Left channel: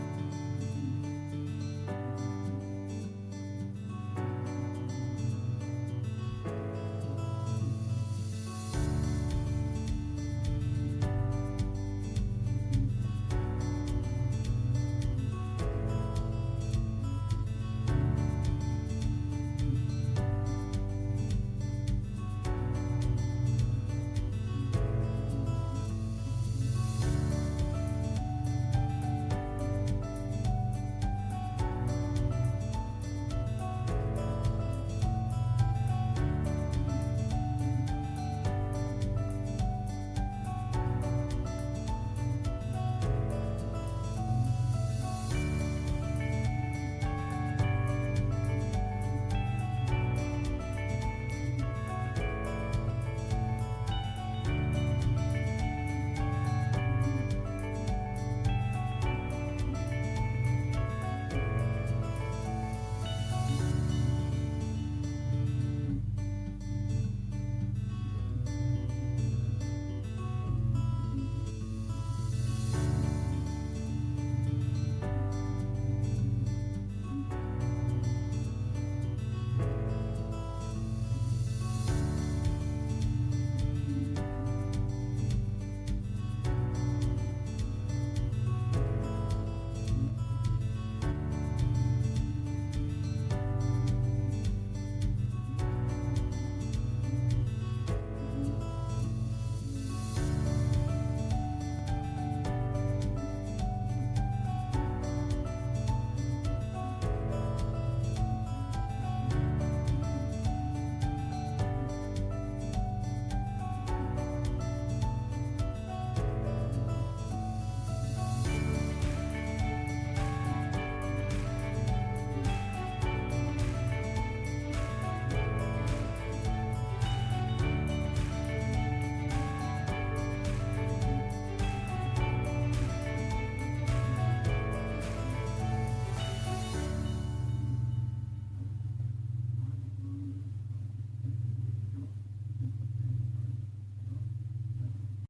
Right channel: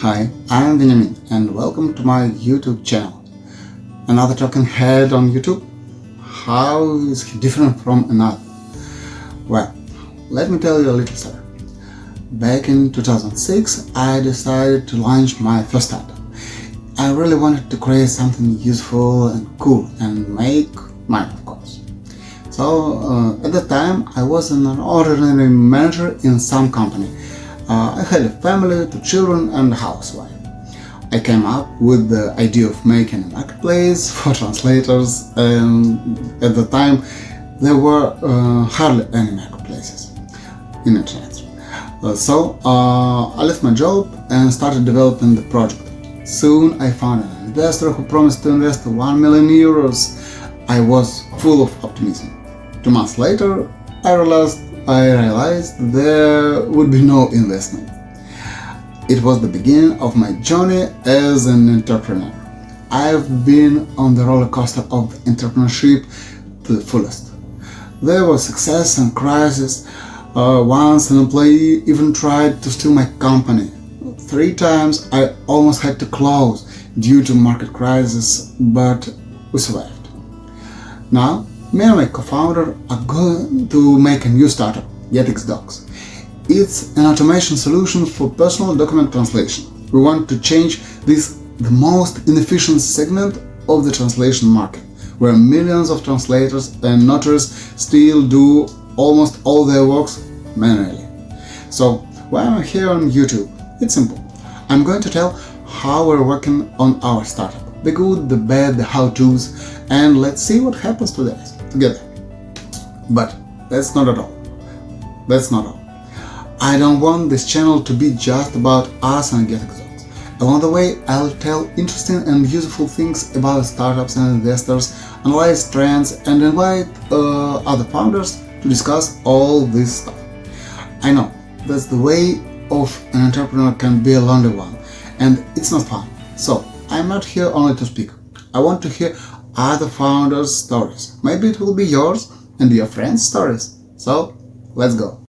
Hi, I'm Veniamin and welcome to my YouTube channel. Another talking head on YouTube? How is he different from another? Well, let me tell you a little story. Back in 2006, I decided to launch my first startup. I really wanted to create something useful and cool and make money, of course. So at the time, I was an ordinary manager in some company. I had a family, 2 children and a housewife. I came up with the idea of making a marketplace for translators, and at the time there were hardly any marketplaces in internet. So I left my job and started developing the project. Soon I found an investor who promised to invest 1 million euros. I was full of optimism. 2 months later, I realized there would be no investment. It was the beginning of my journey as an entrepreneur. I've been on the roller coaster of entrepreneurship to the fullest. There was success and crisis. Once an employee even tried to steal my company. 3 times I almost had to close due to market crisis, but we survived. Now, me and my co-founder are going to make a new startup, GetXDocs. It's an automation solution for personal document translation. We want to change the most inefficient segment of the translation market, where millions of translators and notaries still do almost all their works manually. So, why am I here on YouTube? It's simple. I'm going to tell how we're working on our startup. The good, the bad, the how-tos, and let's see what happens together. But that's not all. I don't want this channel to be just about us and GetXDocs. Along the way, I'll tell interesting and useful things about startups and investors, analyze trends, and invite other founders to discuss all this stuff. I know that's the way of an entrepreneur can be a lonely one, and it's not fun. So I'm not here only to speak. I want to hear other founders' stories. Maybe it will be yours and your friends' stories. So let's go.